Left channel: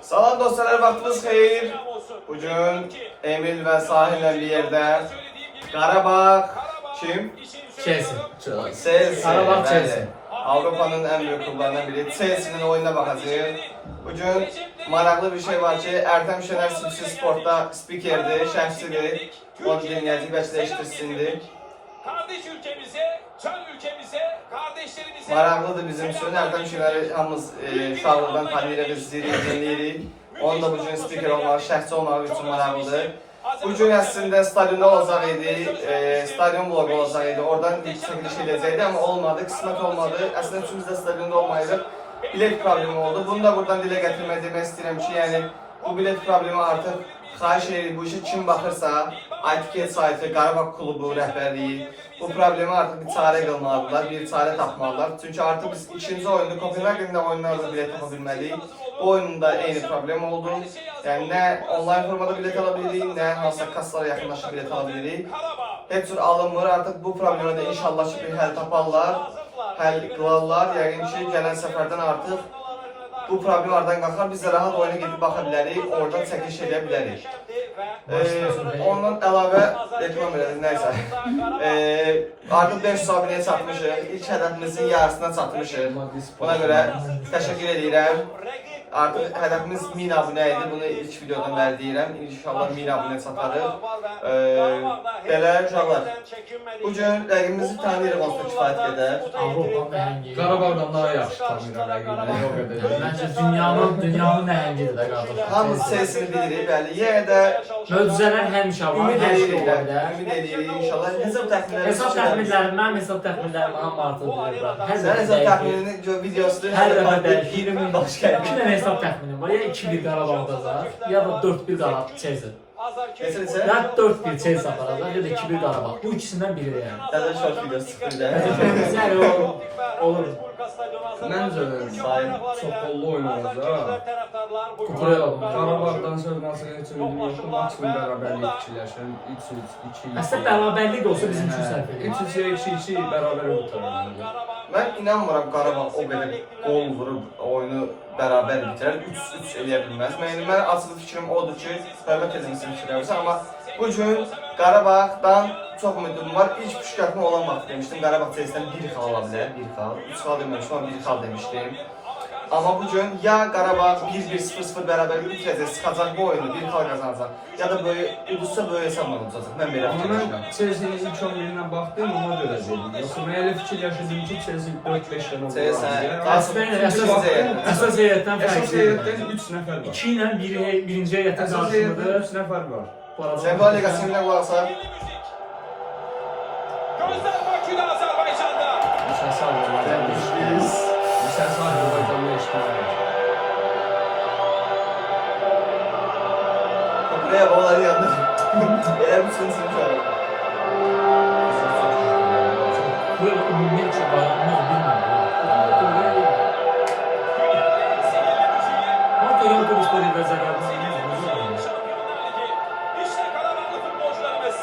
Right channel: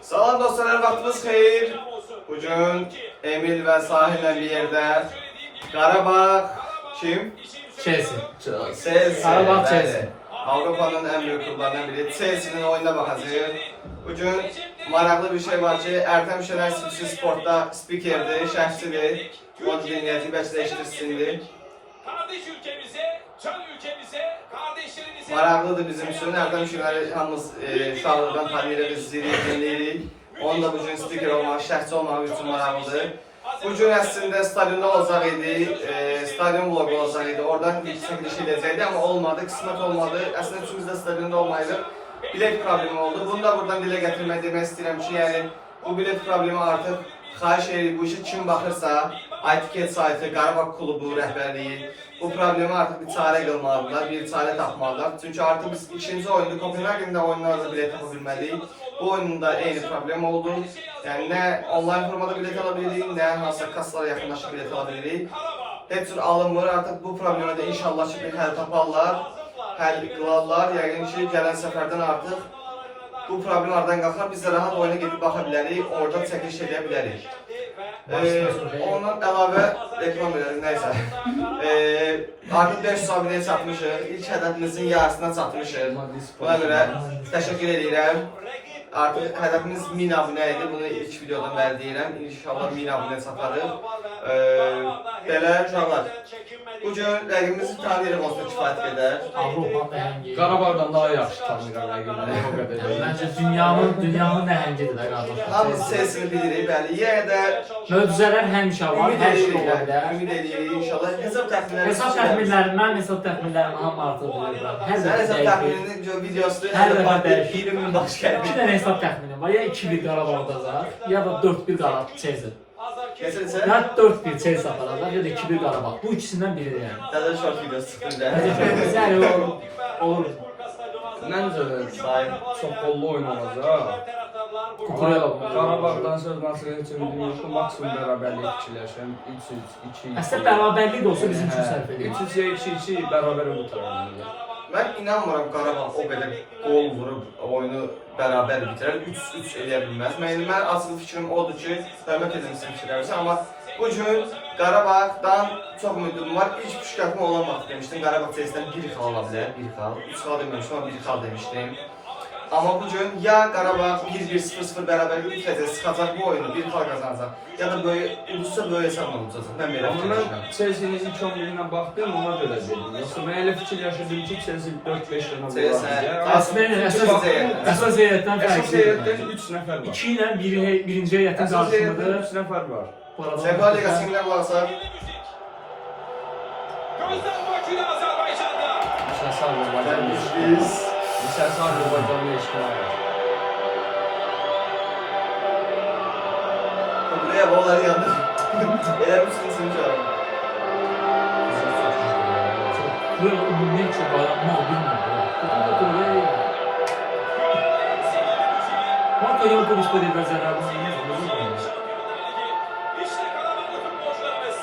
Salam dostlar, vaxtınız xeyir. Bugün Emil və Sahillə bir yerdə Qarabağ kim? Chelsea. Qarabağ Chelsea. Avropanın ən böyük klublarından biri. Chelsea'nin oyununa baxacağıq. Bugün maraqlı bir şey var ki, Ərtəm Şener Sipsi Sportda spikerdir, şərhçidir. Onu dinləyəcək, bəlkə də eşitdirsindir. Kardeş ülkemize, can ülkemize, kardeşlerimize... Maraqlıdır bizim üçün. Ərtəm Şener'i hamımız uşaqlıqdan tanıyırıq, izləyirik, dinləyirik. Onun da bugün spiker olmaq, şərhçi olmaq üçün maraqlıdır. Bugün əslində stadionda olacaq idi, stadion vlogu olacaq idi. Oradan ilk çəkiliş edəcəkdi, amma olmadı, qismət olmadı. Əslində üçümüz də stadionda olmayırıq. Bilet problemi oldu. Bunu da buradan dilə gətirmək demək istəyirəm ki, yəni bu bilet problemi artıq xahiş edirik. Bu işə kim baxırsa, iTicket saytı, Qarabağ klubu rəhbərliyi bu problemi artıq bir çarə qılmalıdırlar, bir çarə tapmalıdırlar. Çünki artıq biz ikinci oyunda, Kopenhagen'də oyunlarda bilet tapa bilməliyik. Bu oyunda eyni problem oldu. Yəni nə online formada bilet ala bilirik, nə hansısa kassalara yaxınlaşıb bilet ala bilirik. Heç cür alınmır. Artıq bu problemə də inşallah ki, bir həll taparlar, həll qılarlar. Yəqin ki, gələn səfərdən artıq bu problem aradan qalxar. Biz də rahat oyuna gedib baxa bilərik, orada çəkiliş edə bilərik. Ondan əlavə reklam veririk, nəysə. Artıq 500 abunəyə çatmışıq. İlk hədəfimizin yarısına çatmışıq. Buna görə təşəkkür edirəm. Artıq hədəfimiz 1000 abunə idi. Bunu ilk videodan bəri deyirəm. İnşallah 1000 abunə çatarıq. Belə uşaqlar. Bugün rəqibimizi tanıyırıq, olsa kifayət qədər. Avropanın nəhəngi. Qarabağdan daha yaxşı tanıyıram rəqibini, o qədər deyil. Məncə dünyanın nəhəngidir də qardaşlar. Hamımız sesini bilirik, bəli. Yenə də Möcüzələr həmişə var, hər şey ola bilər. ümid edirik inşallah. Hesab təxminləri. Hesab təxminlərim, mənim hesab təxminlərim hamı artıq bilirlər. Hər Sən dəfə hesab dəyişir. təxminini videosu Hər dəfə dəyişir. 20 min baş gəlir. 2 dənə hesab təxminim var. Ya 2-1 Qarabağ udacaq, ya da 4-1 Qarabağ Chelsea. Neçə? Ya 4-1 Chelsea aparacaq, ya da 2-1 Qarabağ. Bu ikisindən biri yəni. Təzə short videosu çıxdı. Təşəkkür olur. Məncə də Sayın. çox qollu oyun olacaq. Kukurela. Qarabağdan söz nasıl heç ümidim yoxdur. Maksimum bərabərlik fikirləşirəm. 3-3, 2-2. Əslində bərabərlik də olsa bizim üçün sərf edir. 3-3 ya 2-2 bərabər qurtarır. Mən inanmıram Qarabağ o qədər gol vurub oyunu bərabər bitirər. 3-3 eləyə bilməz. Mən asıl fikrim odur ki, hörmət edin sizin fikirlərinizə, amma bu gün Qarabağdan çox ümidim var. İlk püşkatma olan vaxt demişdim, Qarabağ Chelsea'dən 1 xal ola bilər, 1 xal. 3 xal deməmişdim, amma 1 xal demişdim. Amma bu gün ya Qarabağ 1-1-0-0 bərabərlik bitirəcək, sıxacaq bu oyunu, 1 xal qazanacaq. Ya da böyle uduzsa böyle hesabla olacaq. Mən belə Amma fikirləşirəm. mən Chelsea-nin ilk 11-inə baxdım, ona görə dedim. Yoxsa mən elə fikirləşirdim ki, Chelsea 4-5 dənə Əsas heyətdən Əsas fərqli. heyətdən 3 nəfər var. 2 ilə birinci heyətin Əsas heyətdən qarşısındadır. 3 nəfər var. Sefa Ligası'nda varsa Gözler bakıyor Azerbaycan'da. Lisəsi Azərbaycanlı eşitmək. Lisəsi Azərbaycanlı eşitmək. buraya babaları yandı. Elə bir sürü çağırım. Böyle ümumiyyətcə bayramlar bilmirəm. Marco Yankovic böyle bir zərərdən oynayır. İşte Karabağlı futbolcularımız.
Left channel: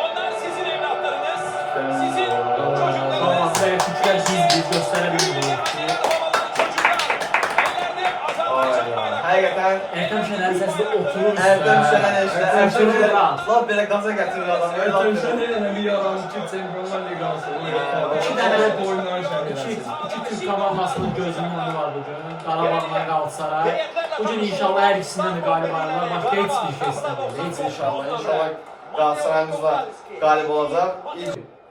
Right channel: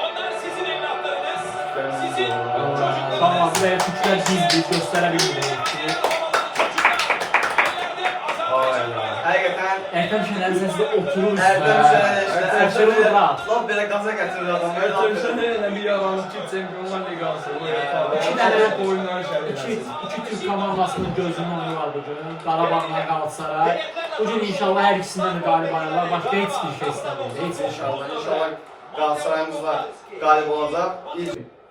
Onlar sizin evlatlarınız. Sizin Tamam, buraya küçüklər gizli göstərə bilmirik ki. Ayla. Həqiqətən Ərtəm Şener səsi oturur Ərtəm Ərtəm Şener rahat. laf belə qaza gətirir adam. Ərtəmsən elə bir yaranır ki, Çempionlar Liqası. İki dənə oyunlar şərh İki Türk komandasının gözünün oyunu var bugün. Qarabağla Qalatasaray. Bugün inşallah hər ikisindən də qalib ayrılar. Başqa heç bir şey istəmirəm. Heç İnşallah Qalatasarayımızla qalib olacaq.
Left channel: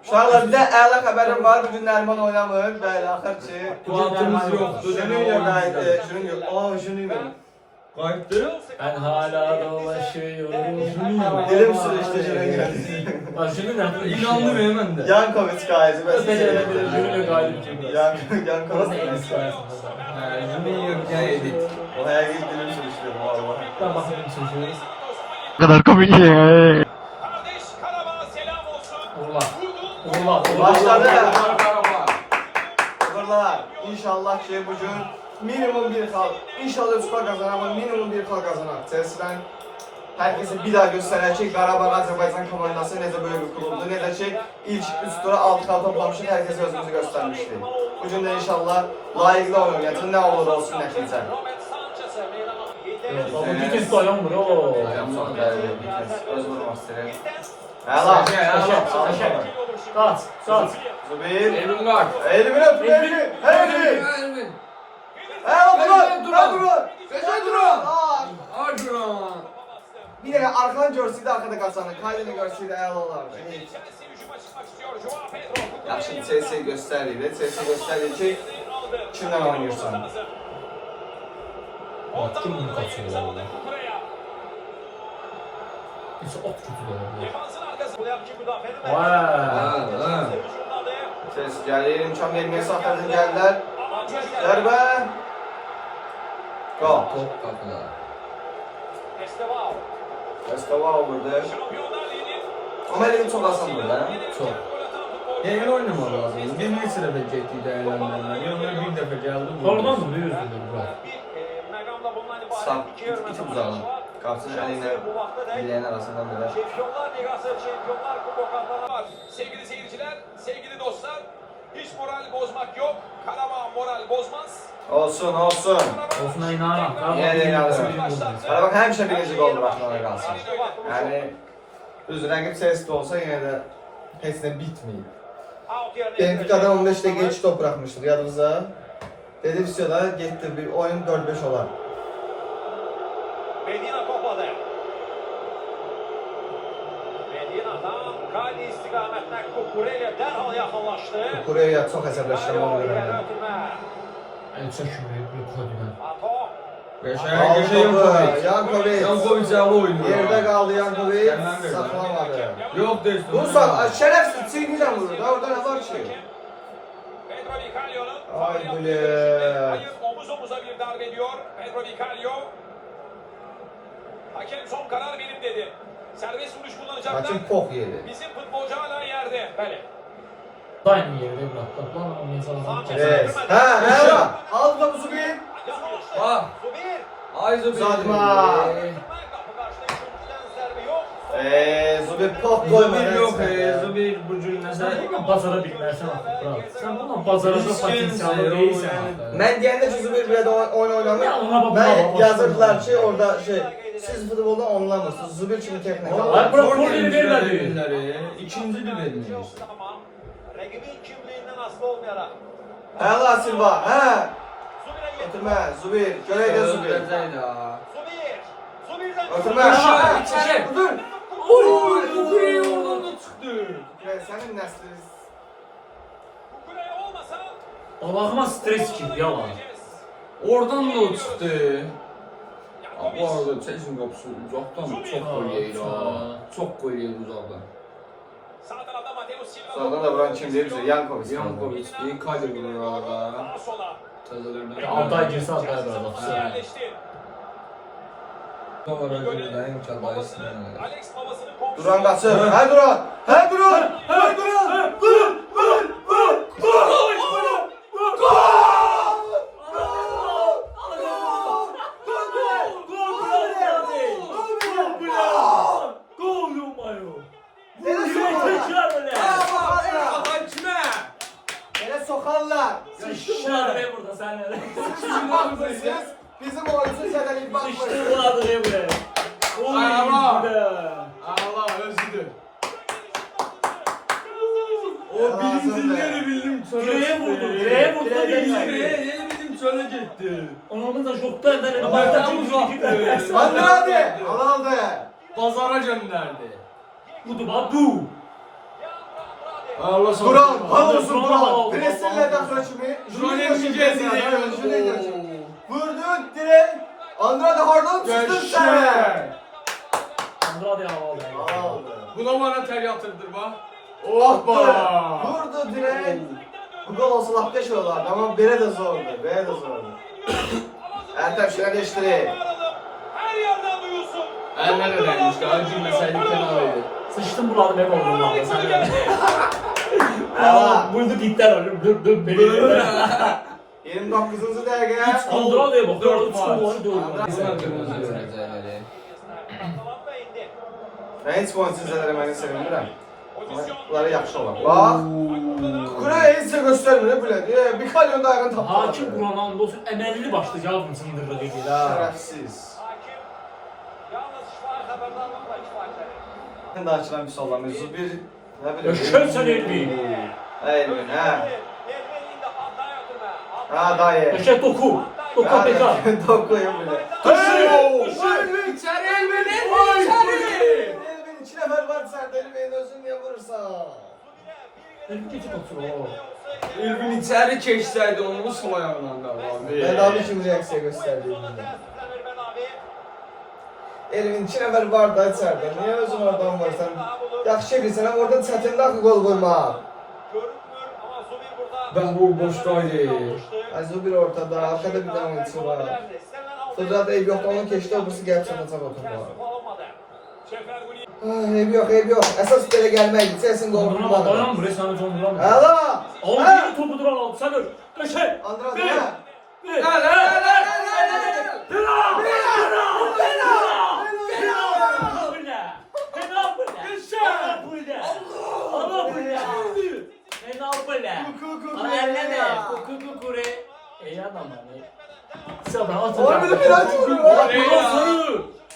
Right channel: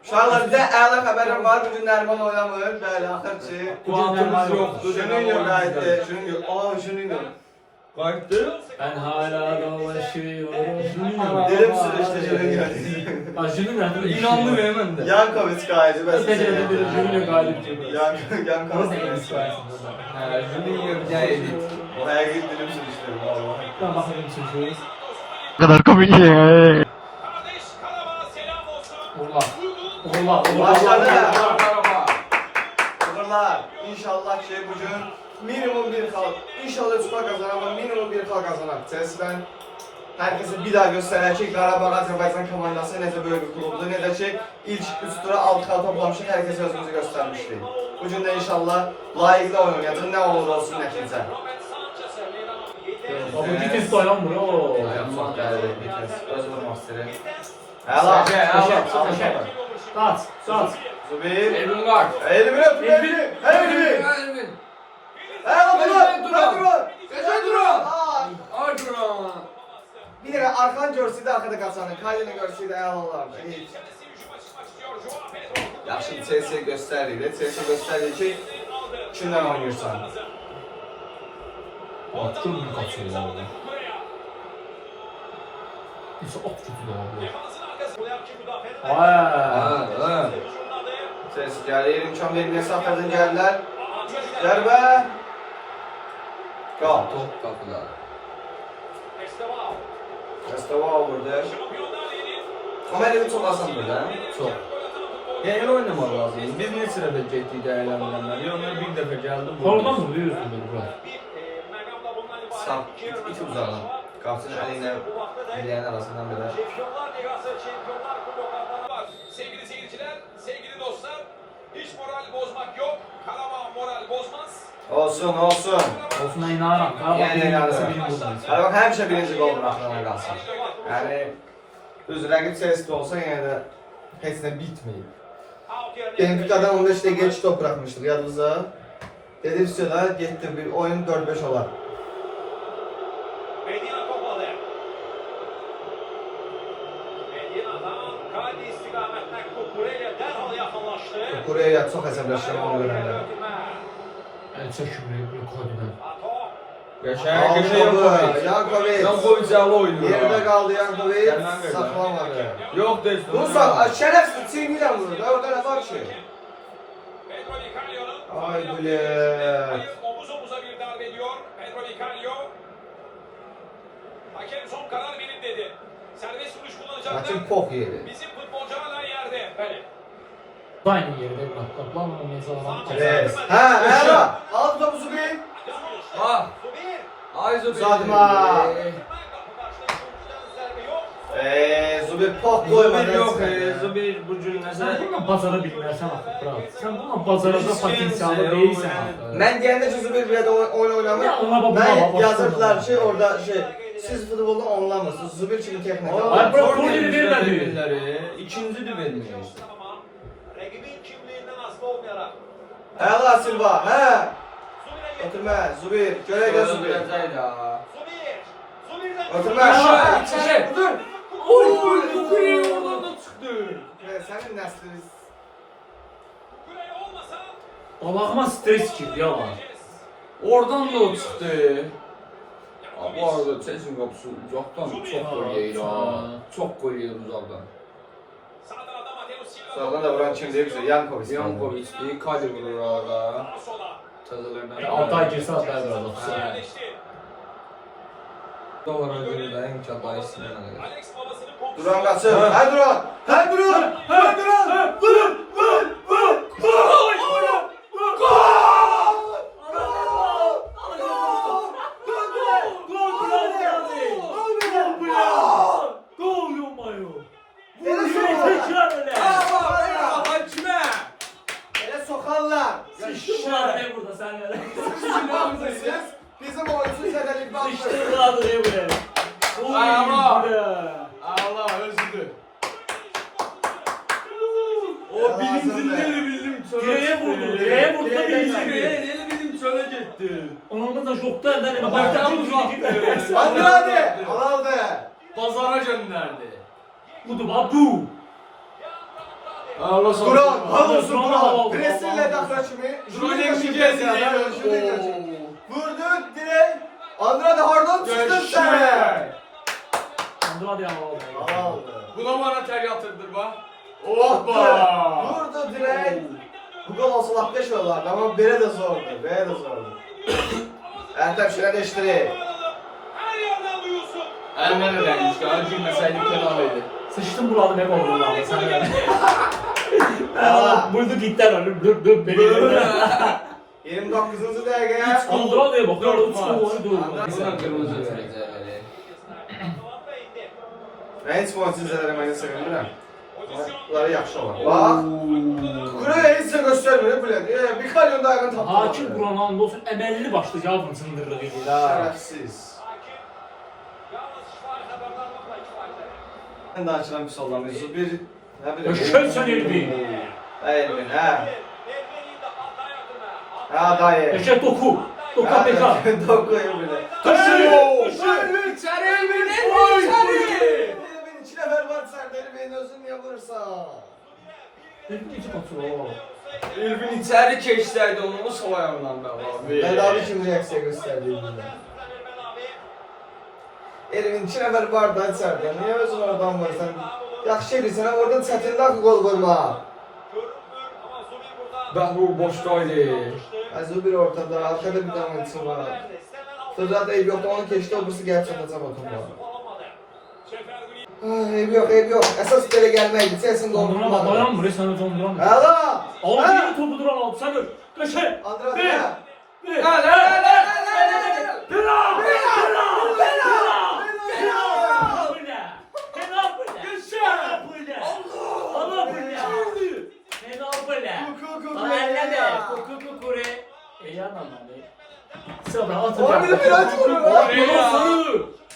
Uşaqlar bizə əla xəbərim var. Bugün Nəriman oynamır. Bəli, axır ki. Vaxtımız yoxdur. Junior qayıtdı. Junior. Qayıtdı. Ben hala dolaşıyorum. Dilim sürüşdü Junior. Junior İnandım hemen de. Yankovic qayıtdı. Junior qalib ki. Orada en Yankovic. iyisi arasında. Junior gəl edib. O həqiqi dilim sürüşdü vallahi. Ben bakıyorum çocuğuz. kardeş Karabağ'a selam olsun. Uğurlar. Başladı. Uğurlar. İnşallah ki bugün minimum bir xal. İnşallah Süper kazanır, minimum bir xal kazanır. Chelsea'den herkese bir daha göstərər ki, Qarabağ Azərbaycan komandası necə böyük bir klubdur, necə ki ilk 3 tura 6 xal toplamışıq, herkese özümüzü göstərmişdik. Bu gün də inşallah layiqli oynayacaq. Nə olur olsun nəticə. Baba Gittens de oynamır o. Dayanmaq bəli, Gittens öz vurmaq istəyir. Həla, Kaç. Zubir. Elvin var. Elvin öpür, Elvin. Elvin. Həla, Duran. Gözə Duran. Ay. Ay Duran. Bir dənə arxan görsəydi arxada qaçanı, Kaylini görsəydi əla olardı. Heç. Yaxşı, Chelsea göstərir. Chelsea göstərir ki, kimdən oynayırsan. Bak çok büyük kaçıyor ya orada. Neyse at kötü de var bu. Vay. Chelsea gəlir, imkan verməyə saxladın gəldilər. Zərbə. Qal. Top kapıda. Eskava vurdu. Amma elimi çox asandır lan. Çok. Yeni oynamaq lazımdır. Biz neçə dəfə getdik dəyərləndirməli. Onlar bir dəfə gəldi. Oradan vuruyor yüzünde bu. Sağ, iti uzağın. Kapsının əlinlə biləyin arasından belə. Sevgili seyirciler, sevgili dostlar, hiç moral bozmak yok. Karabağ moral bozmaz. Olsun. Olsuna inanırım. Karabağ Yəni, birini yəni. vursa birini vurmaz. Qarabağ həmişə birinci qol buraxmağa qalsın. Yəni, düz rəqib Chelsea olsa yenə də heç nə bitməyib. Benfica'dan 15 dəqiqə geç top buraxmışdıq yadınızda. Dedi da getdi bir oyun 4-5 olar. Medina topladı. Medina'dan Kadi istikametine Kukure'ye derhal yakınlaştı. Kukure'yə çox əsəbləşirəm onu görəndə. El çökümü bir koduna. Qəşəng Yankovic. Yankovic Yankovic oynayır. yerdə qaldı Yankovic, Gəlmən verdi. saxlamadı. Yox deyilsin. Vursan, şərəfsiz çiğniyle vurur da orada ne var ki? Pedro Vicalio'nun Ay bilet. omuz omuza bir darbe diyor. Pedro Vicalio. Hakem son karar benim dedi. Serbest vuruş kullanacaklar. Hakim pok yedi. Bizim futbolcu hala yerde. Evet. Aynı yerde bıraktı. Lan oynayacak adam. Res. Ha, Ela. Aldı topu Zubir. Bak. Zubir. Ay Zubir. Uzatma. Zubir pok koymadı. Zubir yok. Zubir bu gün Sen nəsə. bununla bazara bilmirsən axı, brat. Sen bununla bazarada Risk potensiyalı yensə, değilsən o axı. Ben deyəndə ki Zubir bir də oyun oynamır. Ya ona bak, buna Ben bak, yazırdılar başına ki bak. orada siz futbolda onlamırsınız. Zubir kimi teknik. Ay, bırak, korneri vermedi. Vermədi. İkinci də verməyir. Rakibin kimliğinden hasta olmayarak. Ela Silva. He. Zubir'e Oturma Zubir. Görək də Zubir. Gözləyəcək də. Zubir. Zubir'den Oturma. Aşağı, içeri. Dur. Oy, Kukure'yi oradan da çıxdı. Senin nəsliniz. Kukure olmasa Allah'ıma stres girdi yalan. Oradan da o çıxdı. Bu arada Chelsea qapısı uzaqdan çox gol yeyir ha. Çox gol yeyir uzaqdan. sağ tarafta Mateo Silva. Sonradan da vuran kimdir bizə? Yankovic. Yankovic, Kadi vurur orada. Sola. Təzələrdən. Altay girse Altay böyle bak. Yerleşti. Doğru ödülü də imkanları sinirlə. Alex babasını komşu. Duran qaçır. Hə Duran. Hə Duran. Hə Duran. Vur. Vur. Vur. Gol yomayo. Hakimə! Elə soxarlar. Sıçtılar be burada senlere. Bizim oyuncu zədəlik baxmır. Sıçtılar be buraya. Ay Allah. Oy be. Allah özüdür. O birincileri bildim çöle Direğe vurdu. Direğe vurdu da Direğe birinci. Yeni bildim çöle gitti. Onun da şokta eden Ama başta tam uzaktı. Hadi hadi. Al be. Pazara gönderdi. Budu badu. Allah sana. Duran. Duran, Alıyorsun Duran. Duran. Presinle daxlaşımı. Duran emmi Vurdu direkt. Andrade hardan çıktın sen. Andrade havalı. Aldı. Buna bana ter yatırdır bak. Hoppa. Vurdu direkt. Bu gol olsa laf beş olardı ama belə də zordu. Belə də zordu. Ertem şuna değiştireyim. Her yerden duyulsun. Eline de değmiş daha girmeseydik penalıydı. Sıçtım buradı be oğlum lan sen de. Allah. Vurdu gitti herhalde. Beni 29. dəqiqə. Andrade'ye bak. Ya 3 gol var 4 Buna kırmızı gol. verecekleri. Mən heç bu oyuncu izlədərəm, mən sevinmirəm. Bunları yaxşı olar. Bax. Kukureya heç də göstərmir bu lədi. Bir kalyon da ayağını tapdı. Hakim Ronaldo əməlli başlı yavrum sındırırıq edir ha. Şərəfsiz. Mən daha ki, mən pis olamıyım. Bir, nə bileyim. Eşkəlsən Elvin. Elvin, hə. Hə, dayı. Eşək doku. Doku apeka. Dokuyum bile. Elvin içeri, Elvin içeri. Elvin 2 nəfər var içəridə, Elvin özün niyə vurursan? Elvin necə kontrol olar? Elvin içeri keçsəydi onu sol ayağından da abi. Bedavi kim reaksiya göstərdi Elvinə? Elvin 2 nəfər var da içəridə, niyə özün oradan vurursan? Yaxşı bilsən, orada çətindir axı qol vurmaq. Bəhlul boşdaydı. Azı bir ortada, arkada bir dənə oyunçu var. Sözat eyb yoxdur, onu keçdi, o bursu gəlib çatacaq oturmağa. Eyb yox. Əsas belə gəlməkdir, Chelsea qol Dondurma vurmağı. bayan buraya sana donduramıyor. Həla! Al bir topu duran al. Sen öl. Köşe. Andra, Bir. hə? Bir.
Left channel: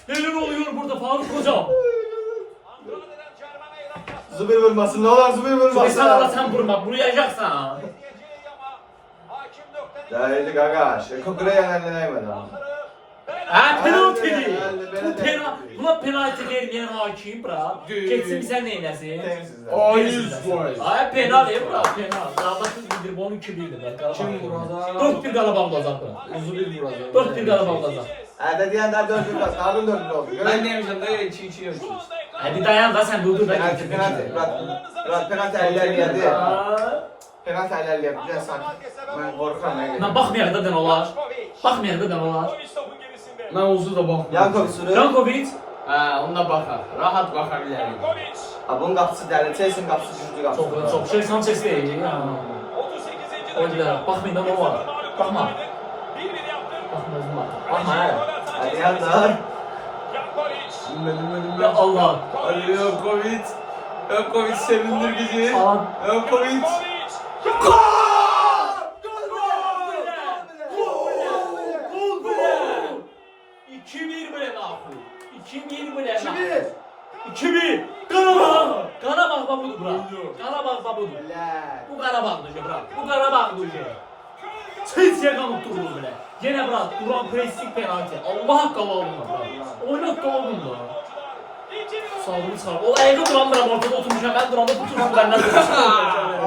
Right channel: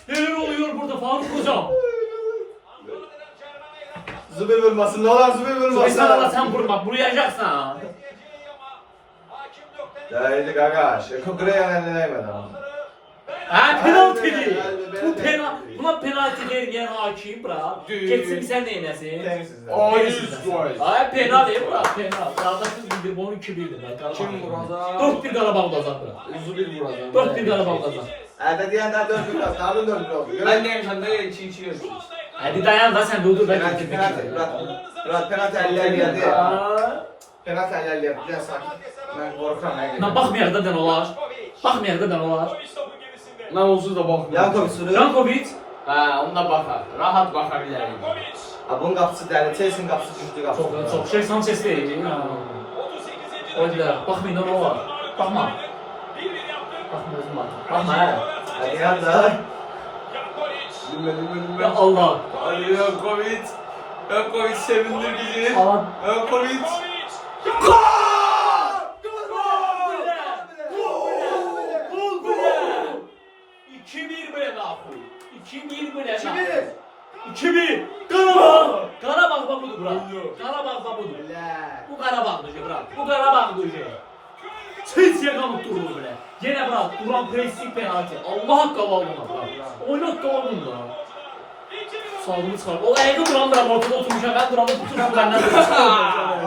Neler oluyor burada Faruk hocam? Zubir vurmasın, ne olur Zubir vurmasın. Mesela Allah sen vurmak, vuruyacaksan. Değerli Gagaş, Kukureya eline değmedi abi. Ha penaltı değil. Hadi, Bu ben penaltı, de- buna penaltı vermeyen hakim bırak. Değil. Geçsin sen neylesin? Temsizler. Ay penaltı bırak penaltı. Zaten bildir bu 12-1'dir lan. Kim vuracak? 4-1 Qarabağ olacaq bura. Zubir vuracak. 4-1 Qarabağ olacaq. Hadi diyenler 4 yıl bastı, Harun 4 yıl oldu. Ben demişim de 2-2 yapacağız. Hadi dayan da sen durdur da Penaltı, getir. penaltı eller geldi. Aa, Penaltı eller geldi, bir sakin. Ben korkuyorum ne Lan geliyor. baxmayaq da dən olar. Baxmayaq da dən olar. Ben olsun da bakmıyorum. Yankov sürü. Jankovic. Ha, onda bakar. Rahat bakabilirim. Bunun kapısı değerli, Chelsea'nin kapısı güçlü kapısı. Çox şey Sanchez deyəcək ya. Öyle baxmayın da olar. Baxma. Baxma özüm bak. Baxma hə. Hadi yanlar. Bilmedim. Ya Allah. Hadi Yokovic. Yokovic sevindir bizi. Alan. Yokovic. Gol bile. 2-1 bile nahu. 2-1 bile nahu. 2-1. Qarabağ. Qarabağ babudur bura. Qarabağ babudur. Bu Qarabağdır bura. Bu Qarabağdır. Chelsea qanıtdırır bile. Yenə bura duran pressing penaltı. Allah haqqı aldın bura. Oynat qaldın da. Sağlığını çıxar. O ayağı duran bura ortada oturmuşam. Ben duranda tutursun benden durursun.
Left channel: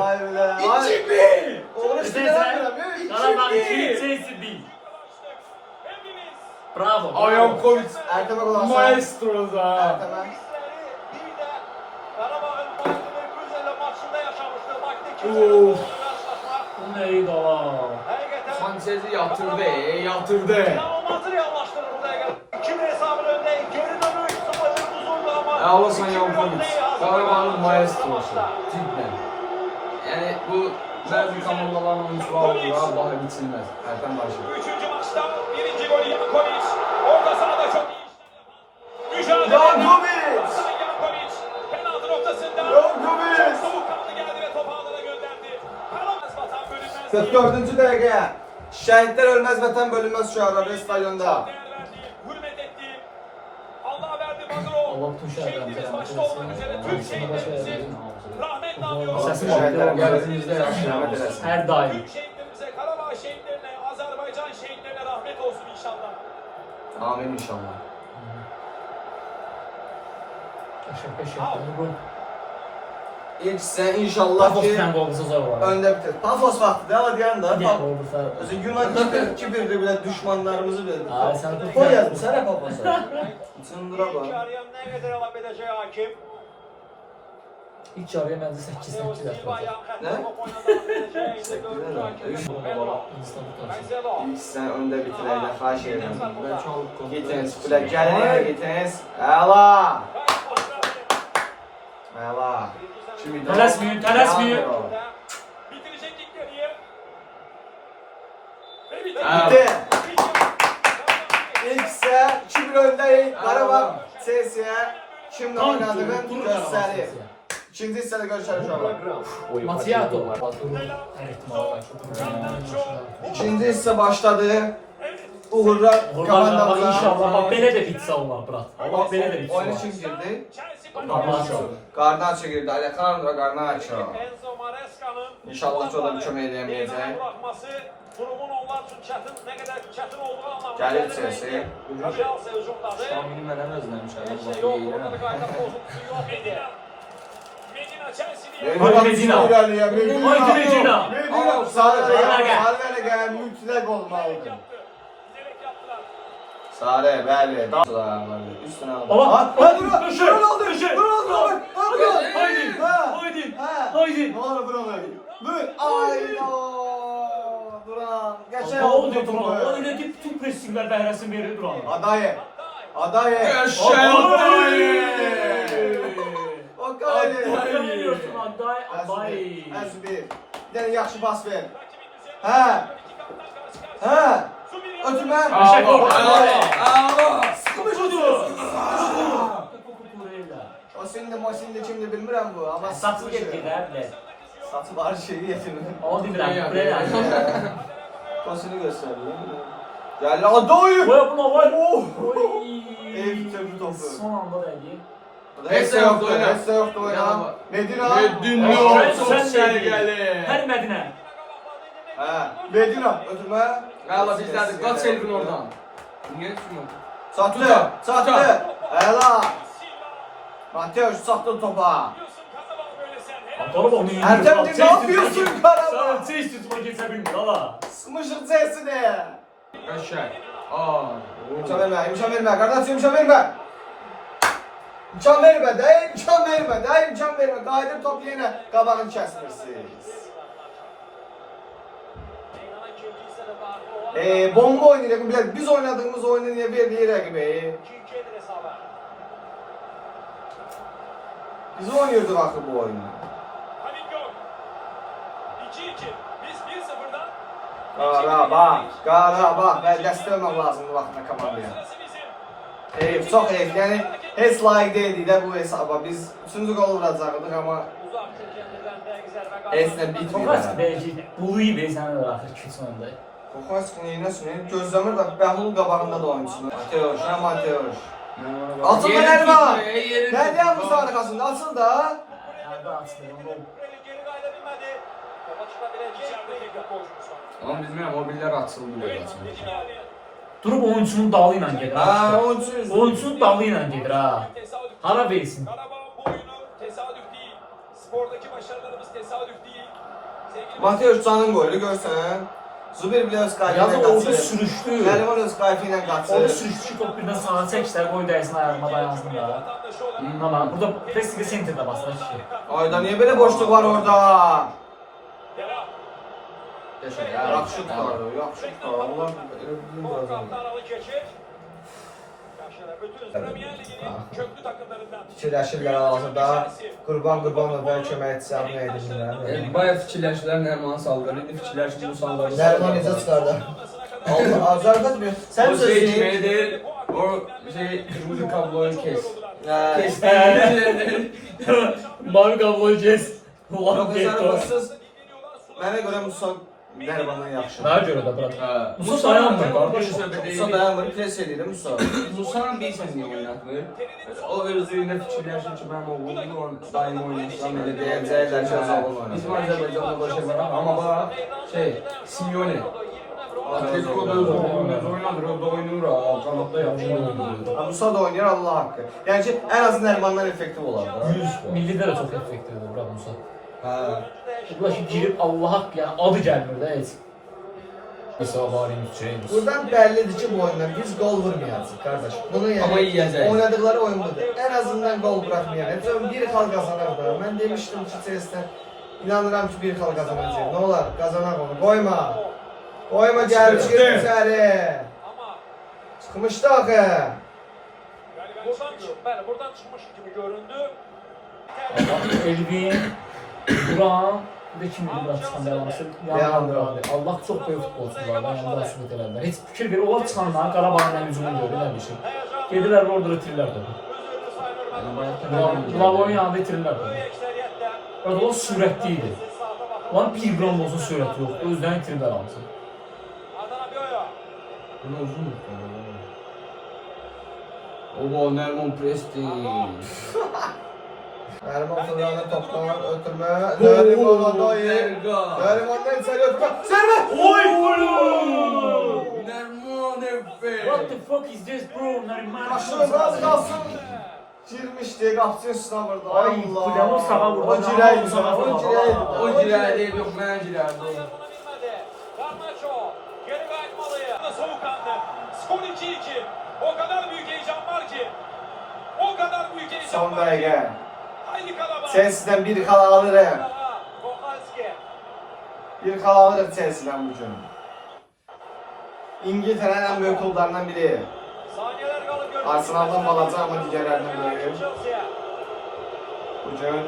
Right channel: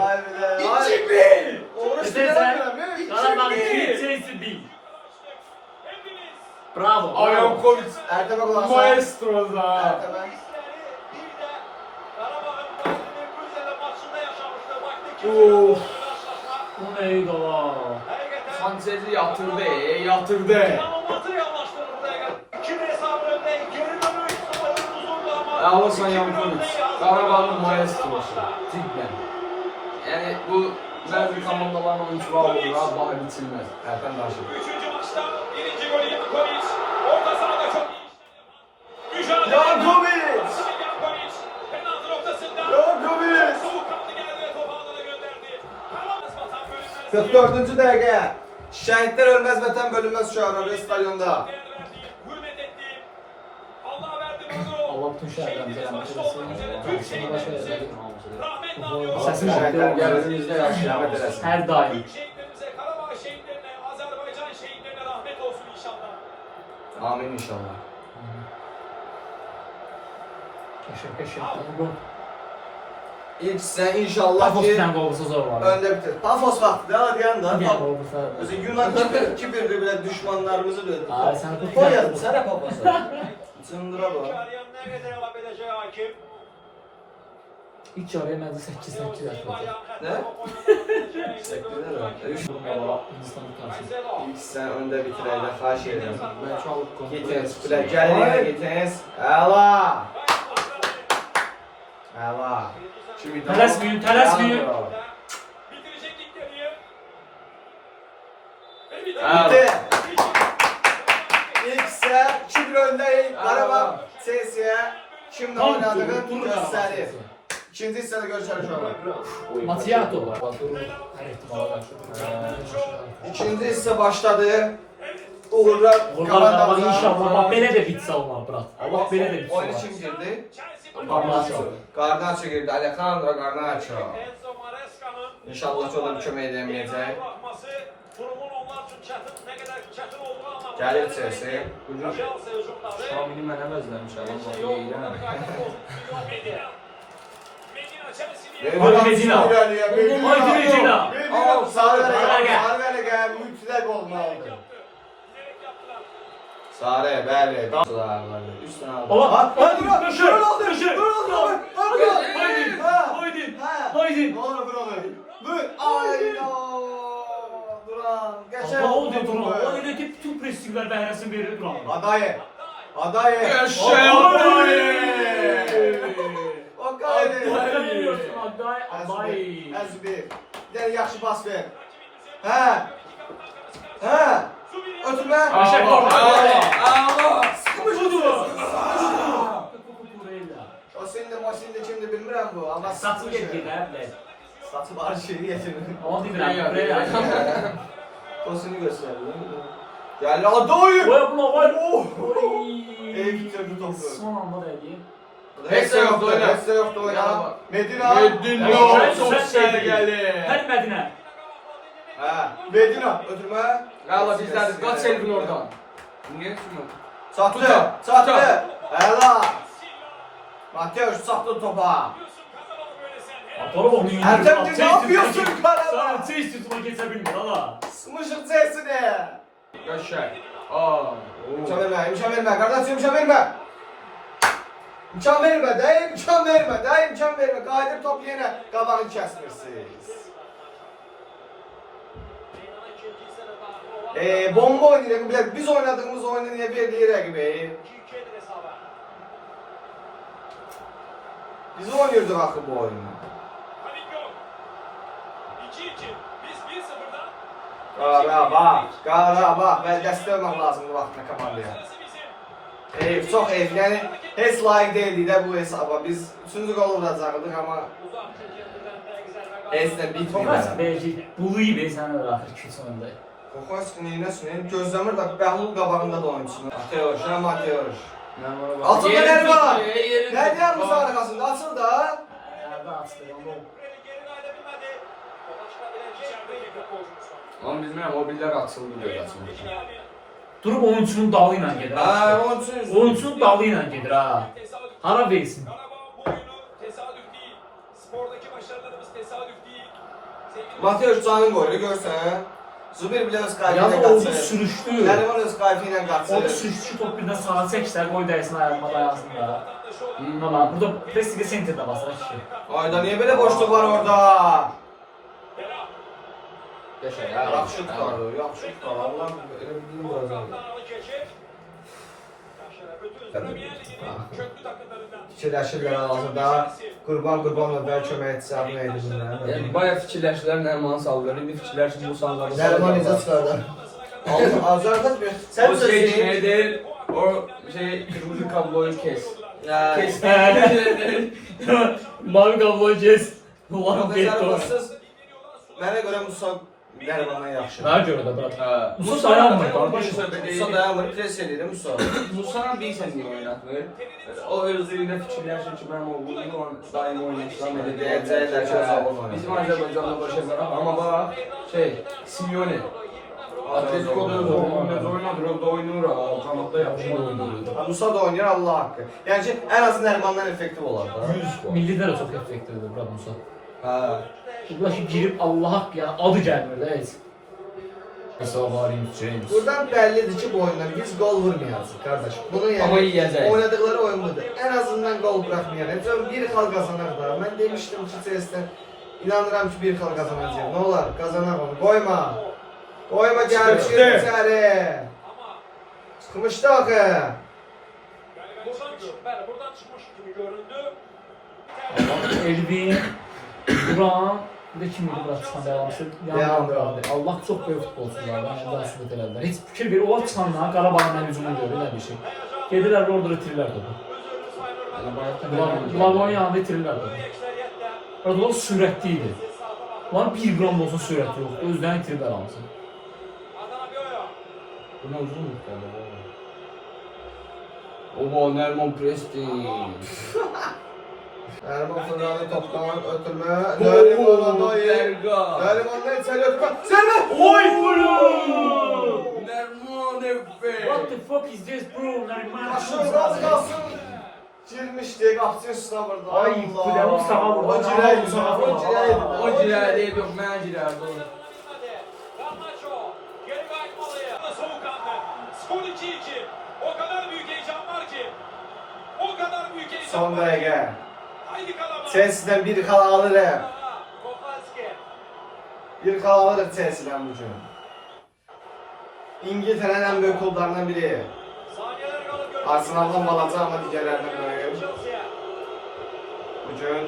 Vay bile. 2-1. Olur işte Desene ya. Qarabağ 2, Chelsea 1. Bravo. Ay Yokovic. Ertem'e kullansa. Maestro da. Ertem'e. Of. Bu neydi o? Sanchez'i yatırdı. Alırsan Yankovic. Karabağ'ın maestrosu. Cidden. Yani bu bazı komandaların oyuncuları olur. Vallahi biçilmez. Ertem başı. Üçüncü maçta birinci golü Yankovic. Orta sahada çok iyi. Mücadele. Yankovic. Yankovic. Penaltı noktasında. Yankovic. Soğukkanlı geldi ve topu ağlara gönderdi. Karamaz Vatan bölümden 44. dakika. Şehitler ölmez vatan bölünmez şu an stadyonda. değer verdi. Hürmet etti. Allah'a verdi Bodrum. Allah bütün şəhərlərimizə rəhmət eləsin. Sana da şey eləsin. Rahmetli Səsin Allah şəhiddə olsun. Yerimizde yaşayan. Hər daim. şehitlerimize, Karabağ şehitlerine, Azerbaycan şehitlerine rahmet olsun inşallah. Amin inşallah. Qəşəng. Bu İlk sen inşallah Pafos ki bir dənə qolbusa zor var. önde bitir. Pafos vakti daha diyen da. Bir dənə qolbusa. Özü Yunan kibirdi bile düşmanlarımızı bildi. Ay sen tut. Koy yazdım sana Pafos'a. Çındıra bak. Nerede devam edecek hakim? İlk yarıya məncə 8-8 atacaq. Ne? Teşekkürler abi. Hindistan tutar. İlk sen önde bitireydi. Xahiş ederim. Ben çok kontrol Gitiniz. Bile gelin gitiniz. Ela. Ela. Şimdi Tələsməyin. Bitirecektik dediği. Ve Bitti. İlk ise 2-1 öndeyim. Karabağ Chelsea. Şimdi oynadığın gösterir. İkinci hissədə görüşərik uşaqlar. Matiyato. Hər ehtimala qarşı. İkinci hissə başladı. Uğurlar Uğurlar bak inşallah bak belə də bitsə olar brat. Allah belə də bitsə Oyun olar. kim girdi? Garnacho. Garnacho girdi. Alejandro Garnacho. İnşallah ki, o da bir kömək edəməyəcək. Gəlir Chelsea. Şamini mənə özləmişəm, amma bax yeyirəm. Haydi Medina. Haydi Medina. Sarı verə mütləq olmalıdır. Sarı, bəli. Üstünə aldı. Allah. Dur oldu. Haydi. Haydi. Haydi. Ne olur dur onu. Vur. Ayno. Duran. Geçer. Ne oldu Duran? O öyle ki bütün pressingler bəhrəsini verir Duran. Adaye. Adaye. Yaşa O kaydı. Aday. Əzbi. Bir dənə yaxşı pas ver. Hə. Ötürmə. O sende Mosin'de kimdi bilmirəm bu. Amma Saçı getirlər bilər. Saçı var şeyi getirmir. O demirəm. Tosunu gösterdi. Yani Adoy. Oy buna var. Ev bitirdi topu. Son anda dəydi. Hesse yoktu oyna. Hesse yoktu oyna. Medina. Medina çok sərgəli. Hər Mədinə. Hə. Medina ötürmə. Allah bizlərdir, qaç Elvin oradan. Niyə düşmür? Çatdı. Əla. Mateus çatdı topa. Atalım onu. Ertem ne yapıyorsun Karabağ? Sana çeyiz tutma geçe bilmir hala. Smışır çesini. Qəşəng. İmkan vermə, qardaş imkan vermə. İmkan vermə, Qaydır top yenə qabağını kəsmirsiniz. Bomba oynayırıq, biz oynadığımız oyunu niyə verdiyi rəqibi? Biz oynuyorduk axı bu oyunu. Qarabağ, dəstək olmaq lazımdır vaxtına komandaya. Çox eyf, yəni heç layiq deyildik də bu hesaba. Biz 3-cü qolu vuracaqdıq, amma heç nə bitmir. Tokas belki buluyu be sen de ahir kötü oyunda. Kokas neynəsin? Gözləmir də Bəhlul qabağında da oyunçusun. Mateos. Altında nədir var? Nədir yan bu sağ arxasında? Açıl da. Nerede açtı onu? Ama bilmirəm, o billər açıldı deyə açıldı. Durup oyuncunun dalı ilə gedir. Ha, oyunçu. Oyuncunun dalı ilə gedir ha. Hara versin. Mateos canın qoydu, görsən. Zubir bile öz qayfı ilə Yalnız qaçır. orada sürüştü. Nərman öz qayfı ilə qaçır. Orada sürüştü top birdən sağa çəksə qoy dəysin ayağıma dayansın da. Ama burada Prestiga Center'da basar kişi. Ayda niyə belə boşluq var orada? Qəşəng. Yaxşı tutardı, yaxşı tutardı. Allah elə bildim vuracaq. Fikirləşirlər hazırda. Qurbanov və köməkçisi adı neydi bilmirəm. Bayağı fikirləşdilər, Nərmanı saldı. İndi fikirləşib bu sanları Nərman necə çıxardı? Azərbaycan bir. O Sən şey sözün. kimdir? O şey kırmızı kabloyu kes. Kes. Mavi kabloyu kes. Ulan Yox, get o. Zərbətsiz. Mənə görə Musa Nərmandan yaxşı. Mənə görə də bırak. Ha. Musa dayanmır qardaş. Musa dayanmır, pres edir Musa. Musa'nın bilsən niyə oynatmır? O özlüyünə fikirləşir ki, mənim oğlum onu daim oynatsam elə deyəcəklər ki, o zaman oynayacaq. Bizim Azərbaycanda böyle şey var amma bax, Simeone. Atletico'da öz oğlunu oynadır, o da oynayır ha, kanatda yaxşı oynayır. Musa da oynayır Allah haqqı. Yəni ki, ən azı Nərmandan effektiv olar da. Milli də çox effektivdir bura Musa. Hə. Bunlar ki girib Allah haqq ya adı gəlmir də heç. Mesela Varin James. Buradan bəllidir ki, bu oyundan biz gol vurmayacağıq qardaş. Bunu yəni Amma yiyəcək. oynadıkları oyun budur. Ən azından gol buraxmayacaq. Bir xal qazanar da. Mən demişdim ki, Chelsea inanıram ki, bir xal qazanacaq. Nə olar? Qazanaq onu. Qoyma. Qoyma gəl çıxır içəri. Çıxmışdı baxı. Buradan çıkmış gibi göründü. Elvin, Duran ve kim idi bırak çıxan devamlısı? Leandro. Allah çox böyük futbolçular var. Yəni daha sübut elədilər. Heç fikir ver, onlar çıxanlar Qarabağın hücumuna görə elə bir şey. Gedirlər orada itirirlər topu. Lavon yanında itirirlər topu. Orada o sürətli idi. Lan 1 qram olsa sürəti yox. Özdən itirib aramızı. Bu ne uzun baba. Oba Nerman Prestin. Neriman Fırlan'ı toptan ötürme. Neriman Odoyer. Erga. Neriman'dan içeri ötürme. Servet! Oy! Nerman Efe. What the fuck is this bro? Nariman. Aşırı az kalsın. Girmişdi, qalxsın üstünə vurdu. Ay, Plyamov sağa vurdu. O girəydi, Sağa o vurdu. girəydi. O girerdi yok ben girerdi o. Garnacho geri kaçmalı. Soğukkanlı. Skor 2-2. O kadar büyük heyecan var ki. O kadar büyük heyecan Son var. dəqiqə. Haydi Karabağ. Chelsea'dən bir xal alırıq. Kopaski. Bir xal alırıq Chelsea'dən bu gün. İngiltərənin ən böyük klublarından biri. Saniyeler kaldı görüyoruz. Arsenal'dan balaca ama digərlərindən böyük. Chelsea'ye. Bu gün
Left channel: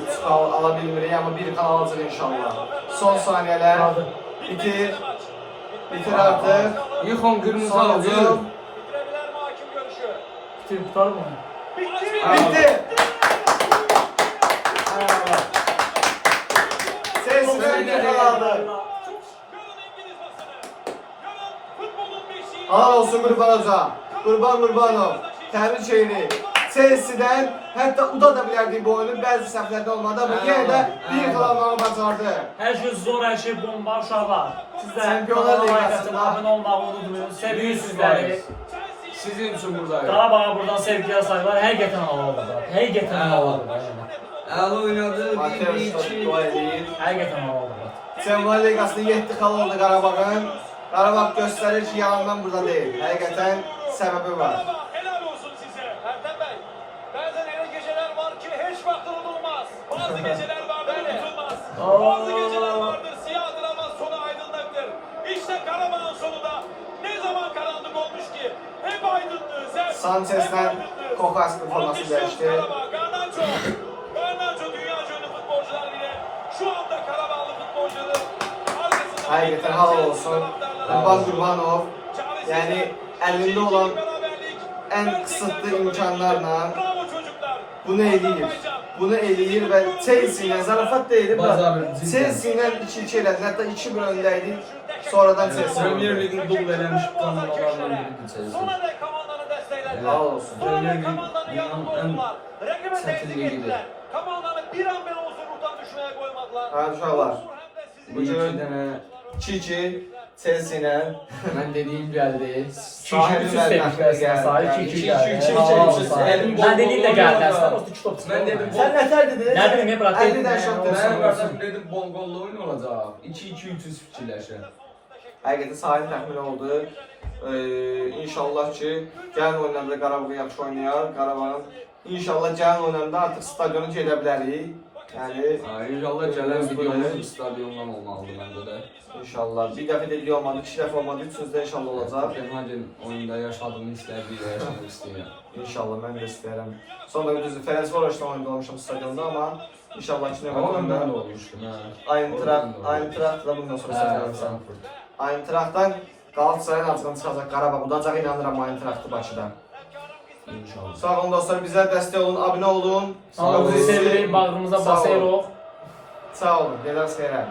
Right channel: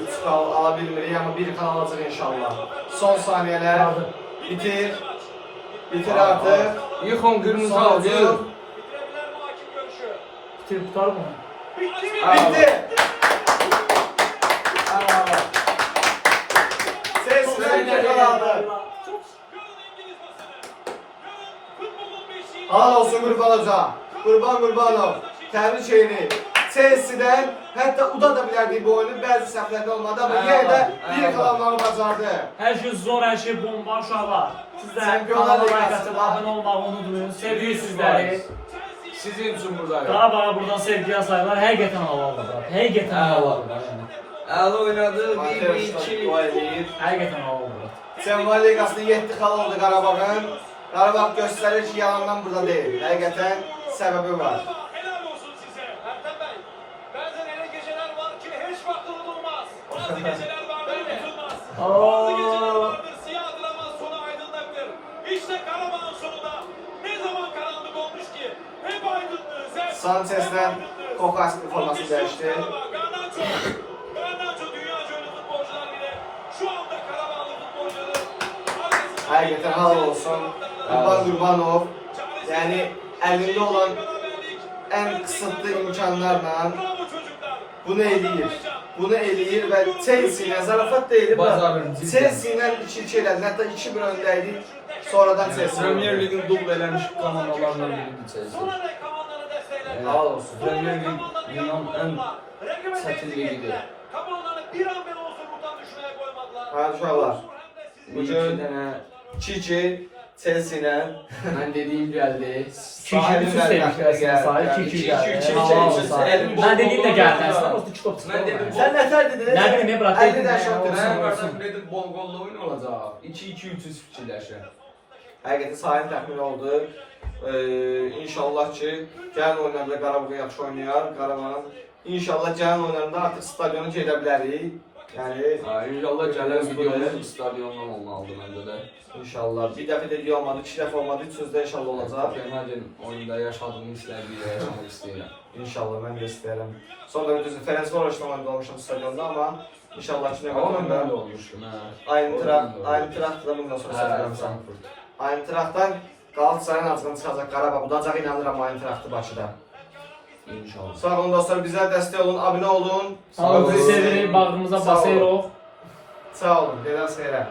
ilk xal ala bilmirik ama bir xal alacaq inşallah. Son saniyələr. Kaldı. Bitir. Bitir artıq. Yıkon kırmızı Son aldı. hücum. Bitirebilir mi hakim görüşü? Bitirip tutar mı? Bitti. Bitti. Bravo. Chelsea'dən bir xal aldı. Görün İngiliz basını. Görün futbolun beşiği. Halal olsun Qurban Hoca. Qurban Qurbanov. Təbrik şeyini. Chelsea'dən hətta uda da bilərdik bu oyunu. Bəzi səhvlərdə olmadı ama yenə də bir xal almağı bacardı. Hər şey zor, hər şey bomba uşaqlar. Sizlər Çempionlar kanala like Liqasında- atıb, abunə olmağı unutmayın. Seviyoruz sizləri. Sizin için buradayım. Qarabağa buradan sevgiyə sayılar. Həqiqətən havalıdır. Həqiqətən havalıdır. El oynadı Mateus 1-2. dua edir. Həqiqətən havalıdır. Çempionlar Liqasında 7 xal oldu Qarabağın. Qarabağ göstərir ki, yalandan burada deyil. Həqiqətən səbəbi var. Helal olsun size. Ertem Bey. Bazen öyle geceler var ki hiç vakti unutulmaz. Bazı geceler vardır unutulmaz. Bazı geceler vardır siyahdır ama sonu aydınlıktır. İşte Karabağ'ın sonu da ne zaman karanlık olmuş ki hep aydınlığı. Sanchez'den Kokaski forması dəyişdi. Garnacho. Garnacho dünyaca ünlü futbolcular bile şu anda Karabağlı futbolcuların arkasında. Həqiqətən halal olsun. Qurban Qurbanov. Yəni əlində olan ən qısıtlı imkanlarla Bravo çocuklar. bunu eləyir. Bunu eləyir və Chelsea ilə zarafat deyil. Bacarır, cidden. Chelsea ilə 2-2 elədi. Hətta 2-1 öndəydik. Sonradan Chelsea. Premier Lig'in dubl elenmiş kanallarından biridir Chelsea. Sonra da komandanı destekler. Halal olsun. Premier Lig dünyanın en çetin ligidir. Komandanı bir an bile olsun buradan düşmeye koymadılar. Hadi uşaqlar. Bu iki tane 2-2 Chelsea ilə ben dediğim geldi. 2-2 üst demişlər sənə sayı. 2-2 gəldi. 2-2 Halal olsun. Elim bol Mən dediyim də bol gəldi. bol Əslində bol. o 2 top çıxdı. Mən dedim, Sən nətər dedin? Nə bilim, bırak dedim. 50-dən şok Ben dedim. Ben vardım dedim bol gollu oyun olacak. 2-2-3 fikirləşir. Həqiqətən sahib təxmin oldu. İnşallah ki, gəlin oyunlarda Qarabağ yaxşı oynayar. Qarabağın inşallah gəlin oyunlarda artıq stadionu gedə bilərik. Yəni İnşallah gelen videomuz stadiondan olmalıdır bence de. inşallah bir dəfə də olmadı, 2 dəfə olmadı, üçüncüdə inşallah olacaq. Kopenhagen oyunda yaşadığım hisləri bir də yaşamaq istəyirəm. İnşallah mən də istəyirəm. Sonra düzdür Ferencvaros'la oyunda olmuşam stadionda amma inşallah ki Ama ben de növbətdə olmuştum ha. Eintracht da bundan sonra Ha, səfərəm sən. Frankfurt. Eintrachtdan Qalatasarayın acığını çıxacaq Qarabağ. Udacaq inanıram Eintrachtı Bakıda. İnşallah. Sağ olun dostlar, bizə dəstək olun, abunə olun. Sağ olun, sevirik, bağrımıza Sağ olun. basırıq. Sağ olun, dedəs xeyrə.